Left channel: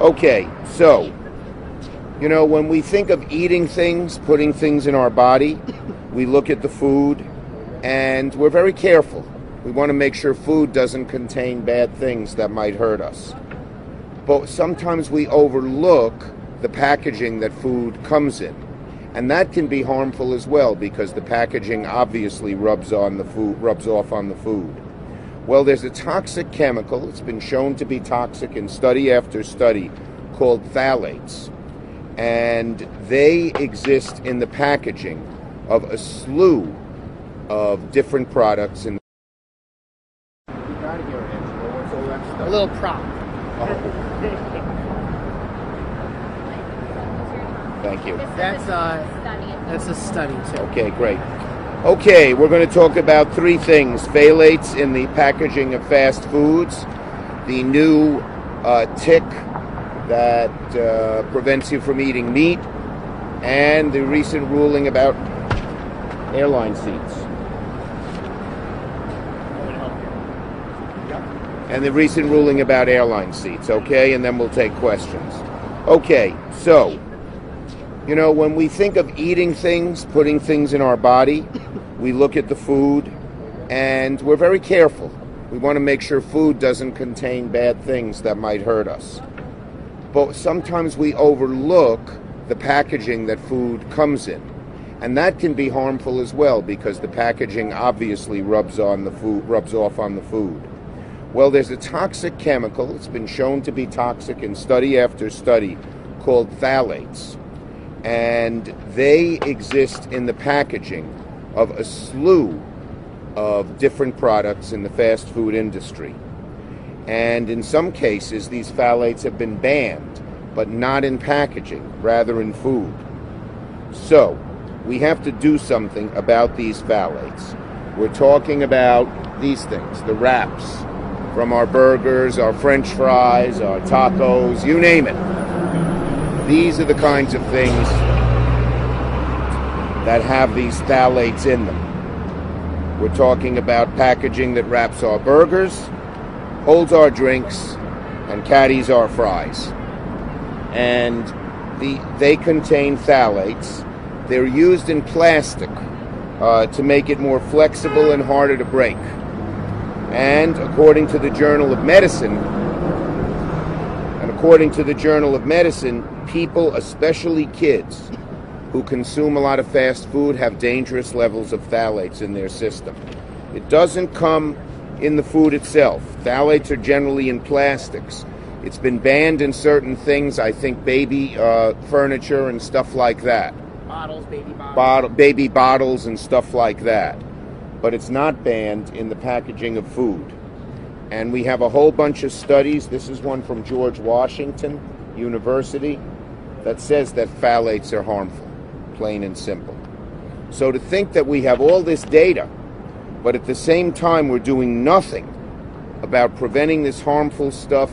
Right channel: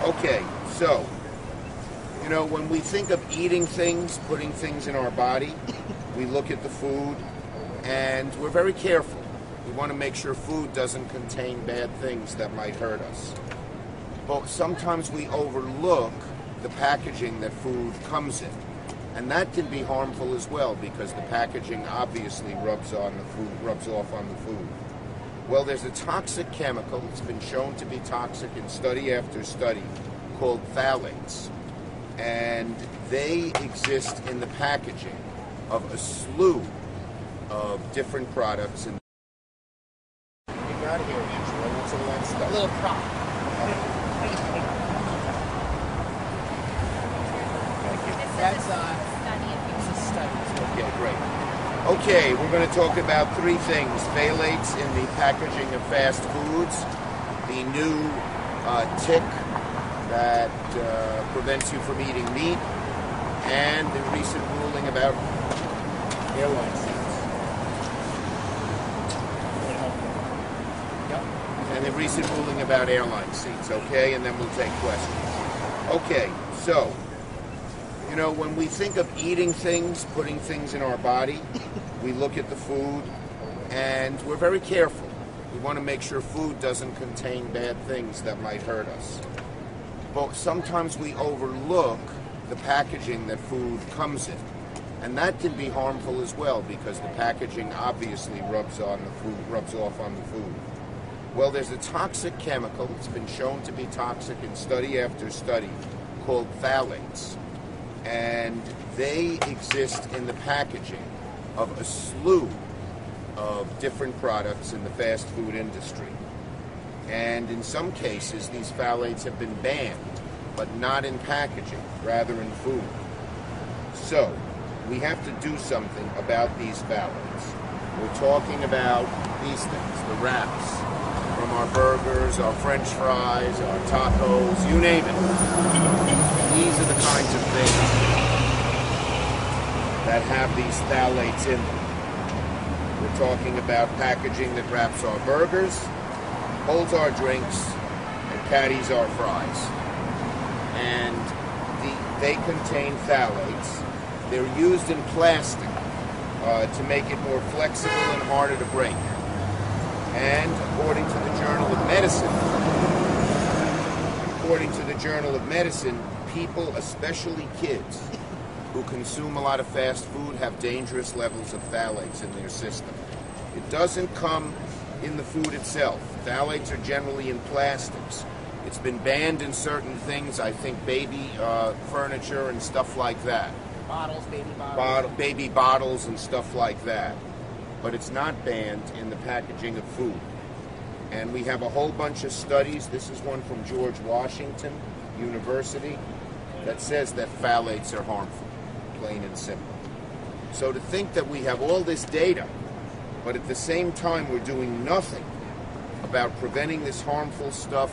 Okay, so, when we think of eating things, putting things in our body, we look at the food and we're very careful. We want to make sure food doesn't contain bad things that might hurt us. But sometimes we overlook the packaging that food comes in. And that can be harmful as well because the packaging obviously rubs off on the food. Well, there's a toxic chemical, it's been shown to be toxic in study after study, called phthalates. And they exist in the packaging of a slew of different products. And what do you got here, Angela? What's all that stuff? A little prop. Thank you. That's a study too. Okay, great. Okay, we're going to talk about three things. Phthalates in the packaging of fast foods, the new tick that prevents you from eating meat, and the recent ruling about airline seats. And the recent ruling about airline seats, okay? And then we'll take questions. Okay, so, when we think of eating things, putting things in our body, we look at the food and we're very careful. We want to make sure food doesn't contain bad things that might hurt us. But sometimes we overlook the packaging that food comes in. And that can be harmful as well because the packaging obviously rubs off on the food. Well, there's a toxic chemical, it's been shown to be toxic in study after study, called phthalates. And they exist in the packaging of a slew of different products in the fast food industry. And in some cases, these phthalates have been banned, but not in packaging, rather in food. So, we have to do something about these phthalates. We're talking about these things, the wraps, from our burgers, our French fries, our tacos, you name it. These are the kinds of things that have these phthalates in them. We're talking about packaging that wraps our burgers, holds our drinks, and caddies our fries. And they contain phthalates. They're used in plastic to make it more flexible and harder to break. And according to the Journal of Medicine, people, especially kids, who consume a lot of fast food have dangerous levels of phthalates in their system. It doesn't come in the food itself. Phthalates are generally in plastics. It's been banned in certain things, I think baby furniture and stuff like that. Baby bottles and stuff like that. But it's not banned in the packaging of food. And we have a whole bunch of studies. This is one from George Washington University that says that phthalates are harmful, plain and simple. So to think that we have all this data, but at the same time we're doing nothing about preventing this harmful stuff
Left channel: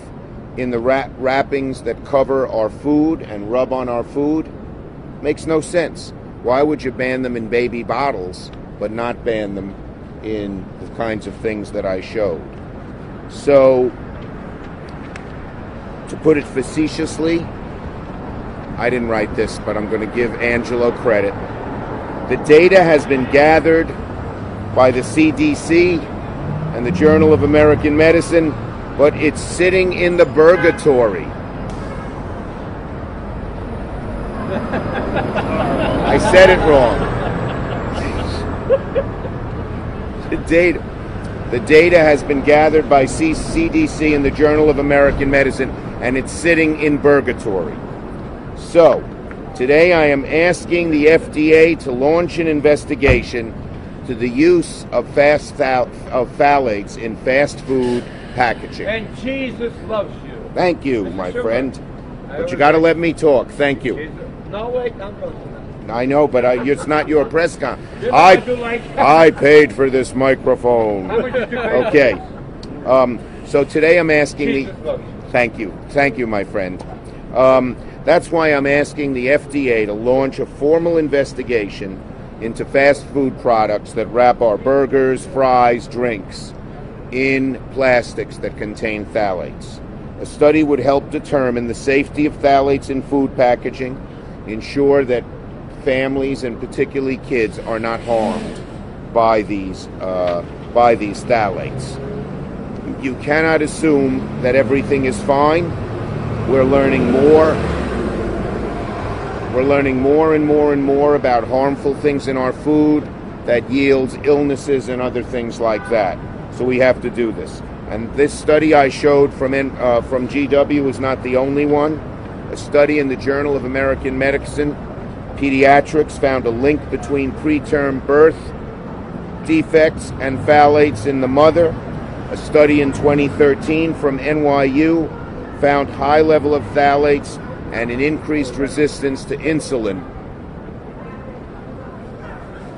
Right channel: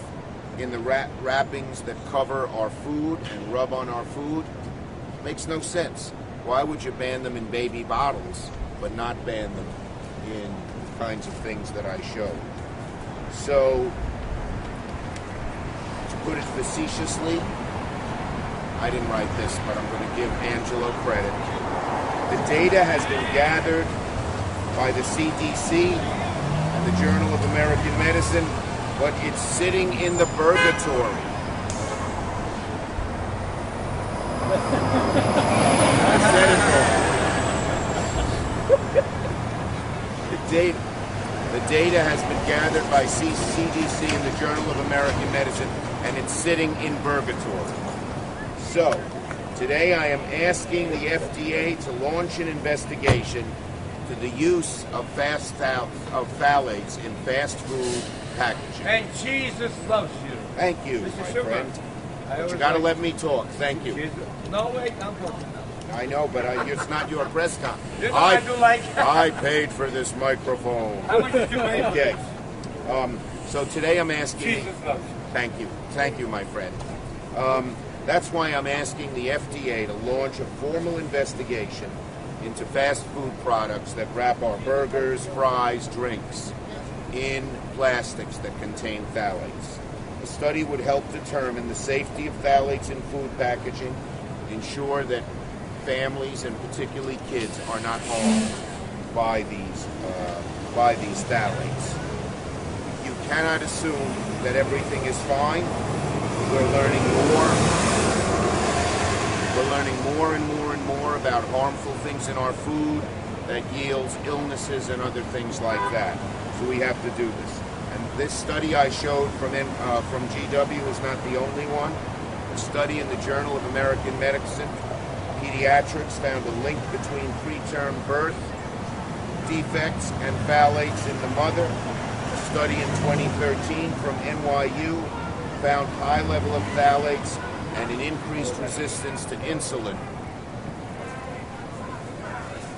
in the wrappings that cover our food and rub on our food, makes no sense. Why would you ban them in baby bottles but not ban them in the kinds of things that I showed? So, to put it facetiously, I didn't write this, but I'm going to give Angelo credit. The data has been gathered by the CDC and the Journal of American Medicine, but it's sitting in the purgatory. I said it wrong. The data has been gathered by CDC and the Journal of American Medicine, and it's sitting in purgatory. So, today I am asking the FDA to launch an investigation to the use of phthalates in fast food packaging. And Jesus loves you. Thank you, Mr. my Schumer. friend. But you got to let me talk. Thank you. Jesus. No, wait, I'm going to. I know, but it's not your press con. I I paid for this microphone. How much did you pay? Okay. So today I'm asking Jesus loves you. Thank you, my friend. That's why I'm asking the FDA to launch a formal investigation into fast food products that wrap our burgers, fries, drinks in plastics that contain phthalates. A study would help determine the safety of phthalates in food packaging, ensure that families and particularly kids are not harmed by these phthalates. You cannot assume that everything is fine. We're learning more. We're learning more and more and more about harmful things in our food that yields illnesses and other things like that. So we have to do this. And this study I showed from GW is not the only one. A study in the Journal of American Medicine, Pediatrics, found a link between preterm birth defects and phthalates in the mother. A study in 2013 from NYU found high level of phthalates and an increased resistance to insulin.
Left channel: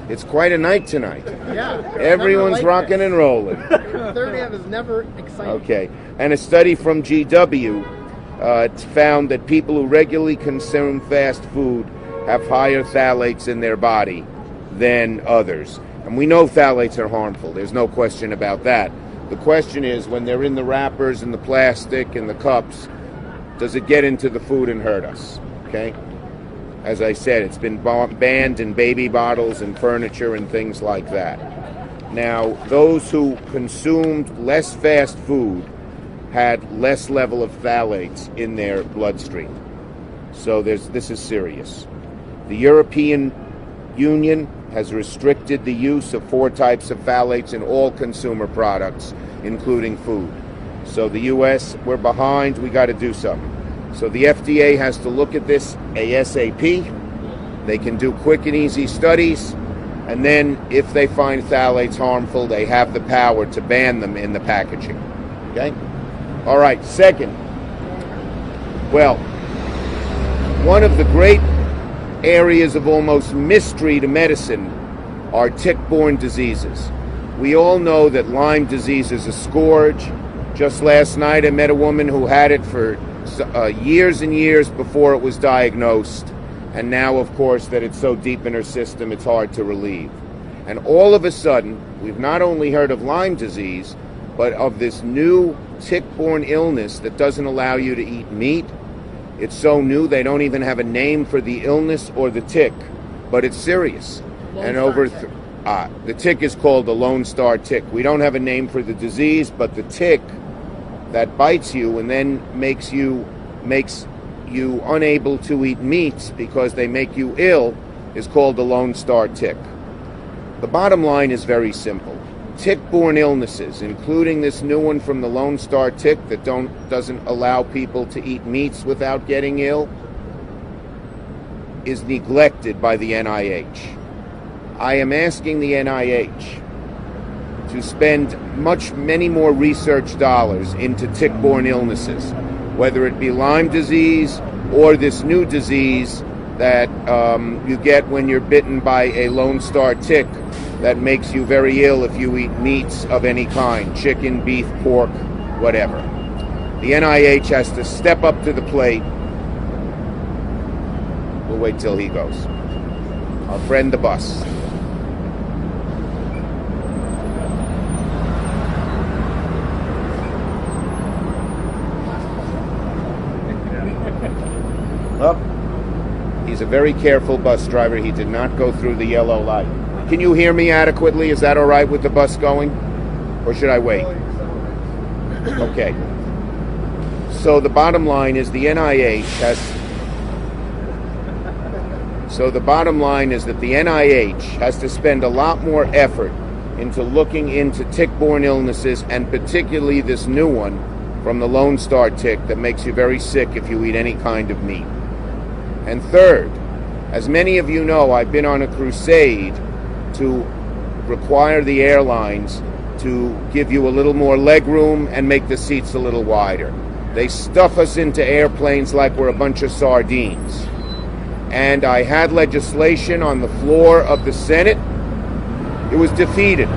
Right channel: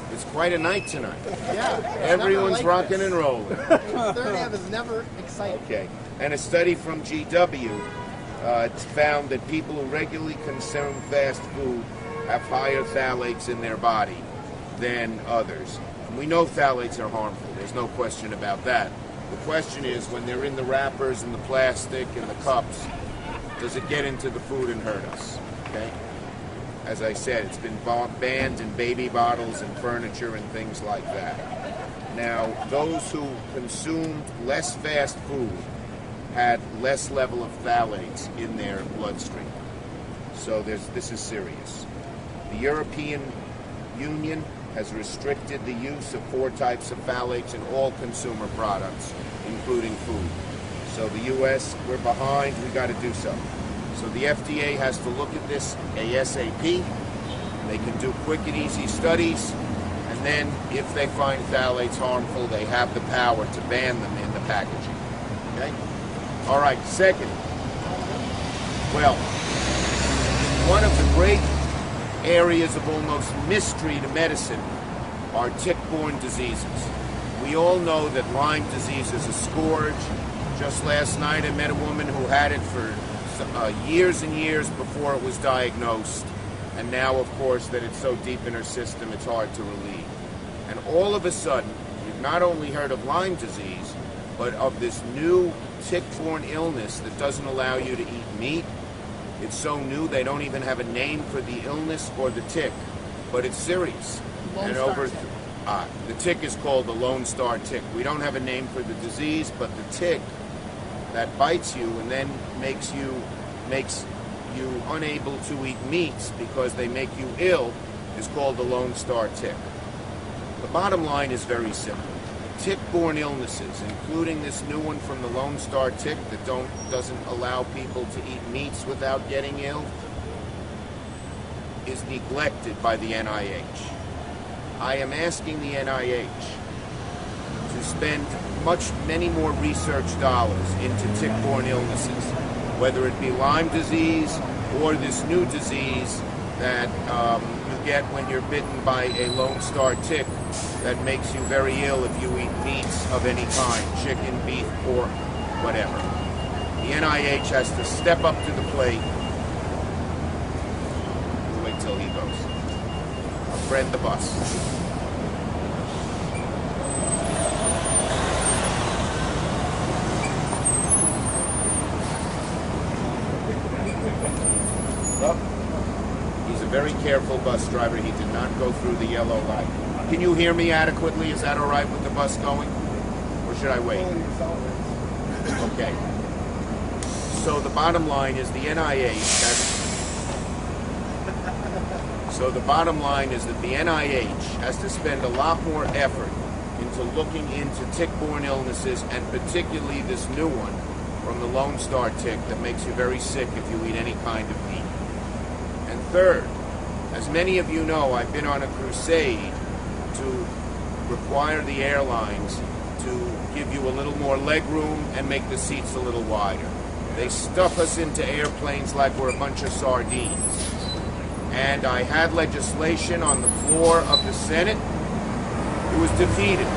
It's quite a night tonight. Yeah. Everyone's rocking and rolling. Third hand is never exciting. Okay. And a study from GW found that people who regularly consume fast food have higher phthalates in their body than others. And we know phthalates are harmful. There's no question about that. The question is, when they're in the wrappers and the plastic and the cups, does it get into the food and hurt us? Okay? As I said, it's been banned in baby bottles and furniture and things like that. Now, those who consumed less fast food had less level of phthalates in their bloodstream. So this is serious. The European Union has restricted the use of 4 types of phthalates in all consumer products, including food. So the U.S., we're behind. We got to do something. So the FDA has to look at this ASAP. They can do quick and easy studies, and then if they find phthalates harmful, they have the power to ban them in the packaging. Okay? All right, second. Well, one of the great areas of almost mystery to medicine are tick-borne diseases. We all know that Lyme disease is a scourge. Just last night I met a woman who had it for years and years before it was diagnosed, and now, of course, that it's so deep in her system, it's hard to relieve. And all of a sudden, we've not only heard of Lyme disease, but of this new tick-borne illness that doesn't allow you to eat meat. It's so new they don't even have a name for the illness or the tick, but it's serious. The tick is called the Lone Star tick. We don't have a name for the disease, but the tick that bites you and then makes you unable to eat meats because they make you ill is called the Lone Star tick. The bottom line is very simple. Tick-borne illnesses, including this new one from the Lone Star tick that doesn't allow people to eat meats without getting ill, is neglected by the NIH. I am asking the NIH to spend many more research dollars into tick-borne illnesses, whether it be Lyme disease or this new disease that you get when you're bitten by a Lone Star tick that makes you very ill if you eat meats of any kind, chicken, beef, pork, whatever. The NIH has to step up to the plate. We'll wait till he goes. Our friend the bus. Well, he's a very careful bus driver. He did not go through the yellow light. Can you hear me adequately? Is that all right with the bus going? Or should I wait? Okay. So the bottom line is the NIH has... So the bottom line is that the NIH has to spend a lot more effort into looking into tick-borne illnesses, and particularly this new one from the Lone Star tick that makes you very sick if you eat any kind of meat. And third, as many of you know, I've been on a crusade to require the airlines to give you a little more leg room and make the seats a little wider. They stuff us into airplanes like we're a bunch of sardines. And I had legislation on the floor of the Senate. It was defeated.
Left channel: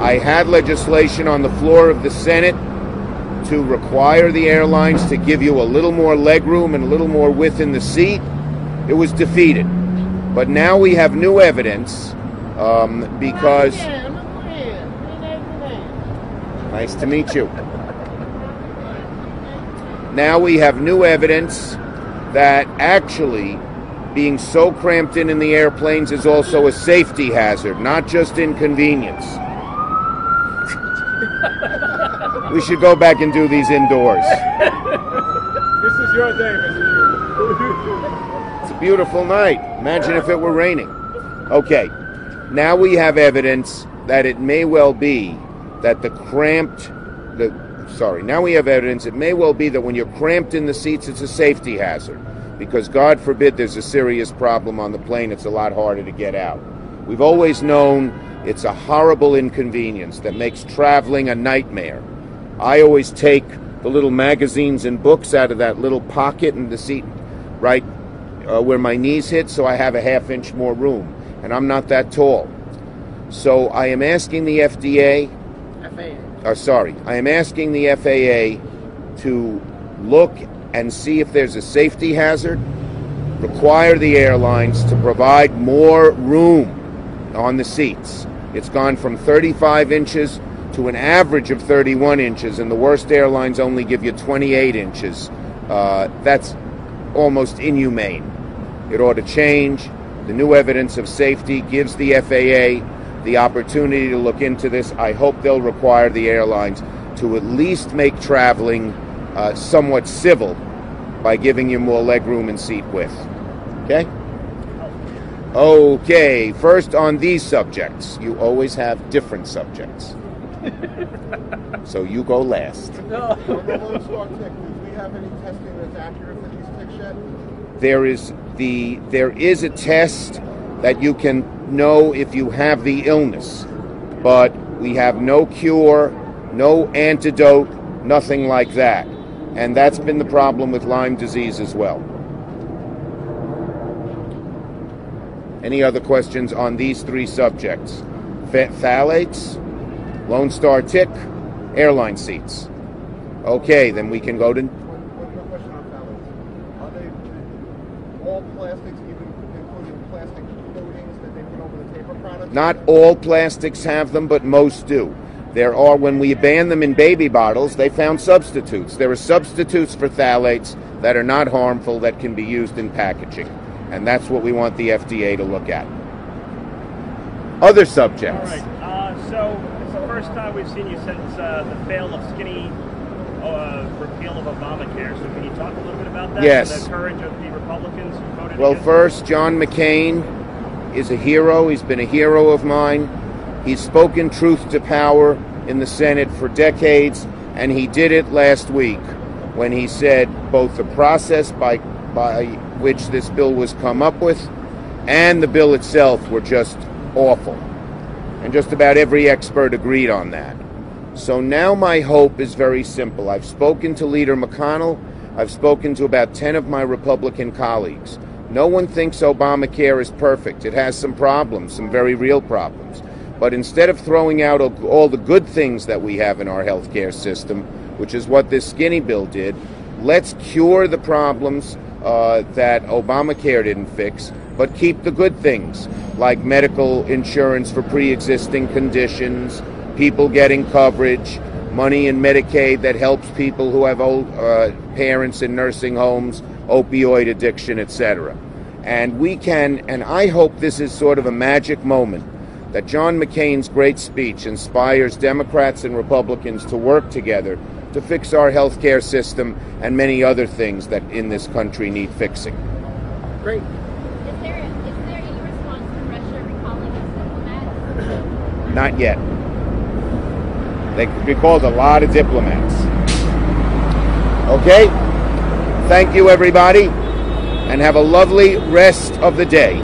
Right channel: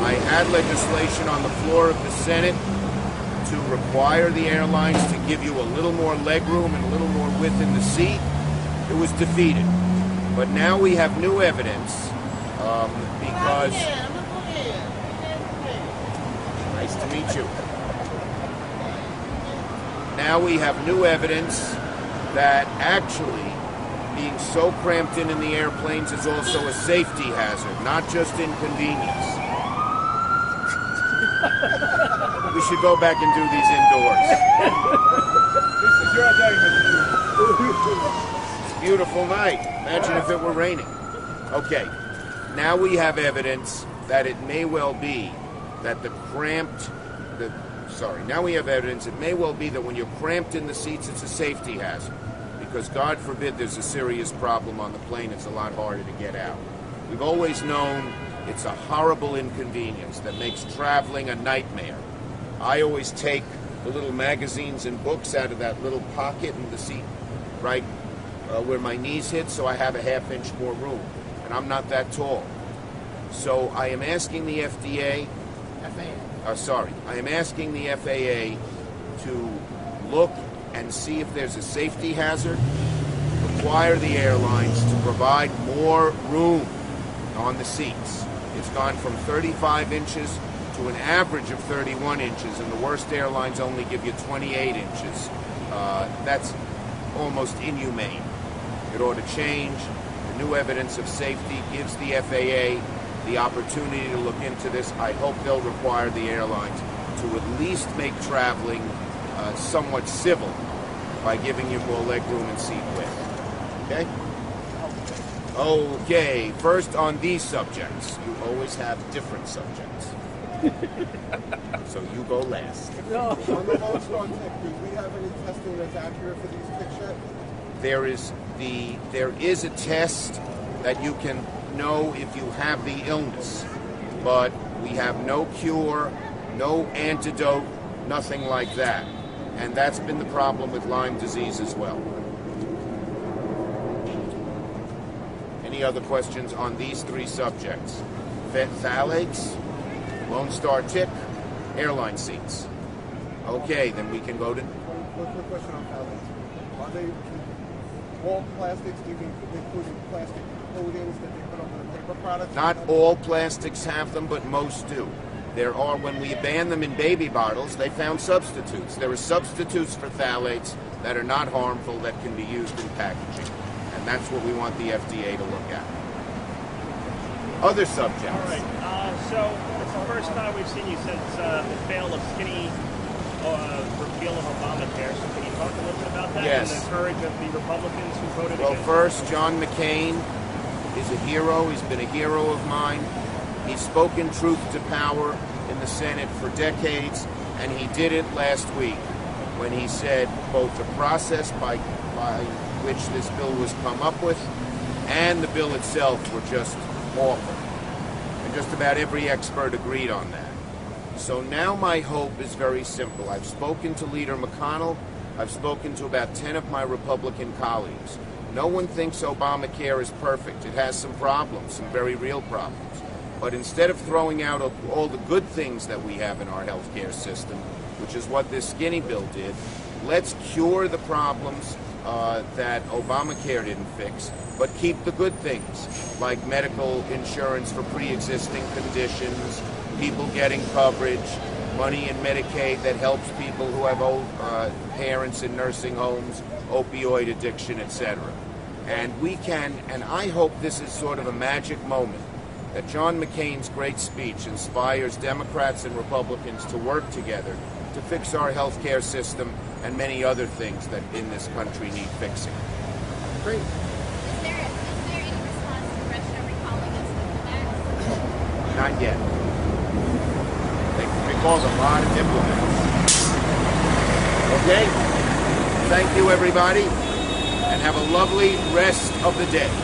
I had legislation on the floor of the Senate to require the airlines to give you a little more leg room and a little more width in the seat. It was defeated. But now we have new evidence because nice to meet you. Now we have new evidence that actually being so cramped in the airplanes is also a safety hazard, not just inconvenience. We should go back and do these indoors. This is your day, It's a beautiful night. Imagine if it were raining. Okay, now we have evidence that it may well be that now we have evidence it may well be that when you're cramped in the seats, it's a safety hazard. Because God forbid there's a serious problem on the plane, it's a lot harder to get out. We've always known it's a horrible inconvenience that makes traveling a nightmare. I always take the little magazines and books out of that little pocket in the seat right where my knees hit, so I have a half-inch more room. And I'm not that tall. So I am asking the I am asking the FAA to look and see if there's a safety hazard, require the airlines to provide more room on the seats. It's gone from 35 inches to an average of 31 inches, and the worst airlines only give you 28 inches. That's almost inhumane. It ought to change. The new evidence of safety gives the FAA the opportunity to look into this. I hope they'll require the airlines to at least make traveling somewhat civil by giving you more legroom and seat width. Okay? Okay, first on these subjects. You always have different subjects. So you go last. On the Lone Star tick, do we have any testing that's accurate for these ticks yet? There is a test that you can know if you have the illness, but we have no cure, no antidote, nothing like that. And that's been the problem with Lyme disease as well. Any other questions on these three subjects? Phthalates, Lone Star tick, airline seats. Okay, then we can go to... One quick question on phthalates. Are they all plastics, including plastic coatings that they put over the paper products? Not all plastics have them, but most do. There are, when we ban them in baby bottles, they found substitutes. There are substitutes for phthalates that are not harmful that can be used in packaging. And that's what we want the FDA to look at. Other subjects. All right. So it's the first time we've seen you since the fail of skinny repeal of Obamacare. So can you talk a little bit about that? Yes. And encourage the Republicans who voted Well, against first, John McCain is a hero. He's been a hero of mine. He's spoken truth to power in the Senate for decades, and he did it last week when he said both the process by which this bill was come up with and the bill itself were just awful. And just about every expert agreed on that. So now my hope is very simple. I've spoken to Leader McConnell. I've spoken to about 10 of my Republican colleagues. No one thinks Obamacare is perfect. It has some problems, some very real problems. But instead of throwing out all the good things that we have in our health care system, which is what this skinny bill did, let's cure the problems that Obamacare didn't fix, but keep the good things, like medical insurance for pre-existing conditions, people getting coverage, money in Medicaid that helps people who have old parents in nursing homes, opioid addiction, etc. And we can, and I hope this is sort of a magic moment, that John McCain's great speech inspires Democrats and Republicans to work together to fix our health care system and many other things that in this country need fixing. Great. Is there any response to Russia recalling its diplomats? Not yet. They recalled a lot of diplomats. Okay? Thank you, everybody, and have a lovely rest of the day.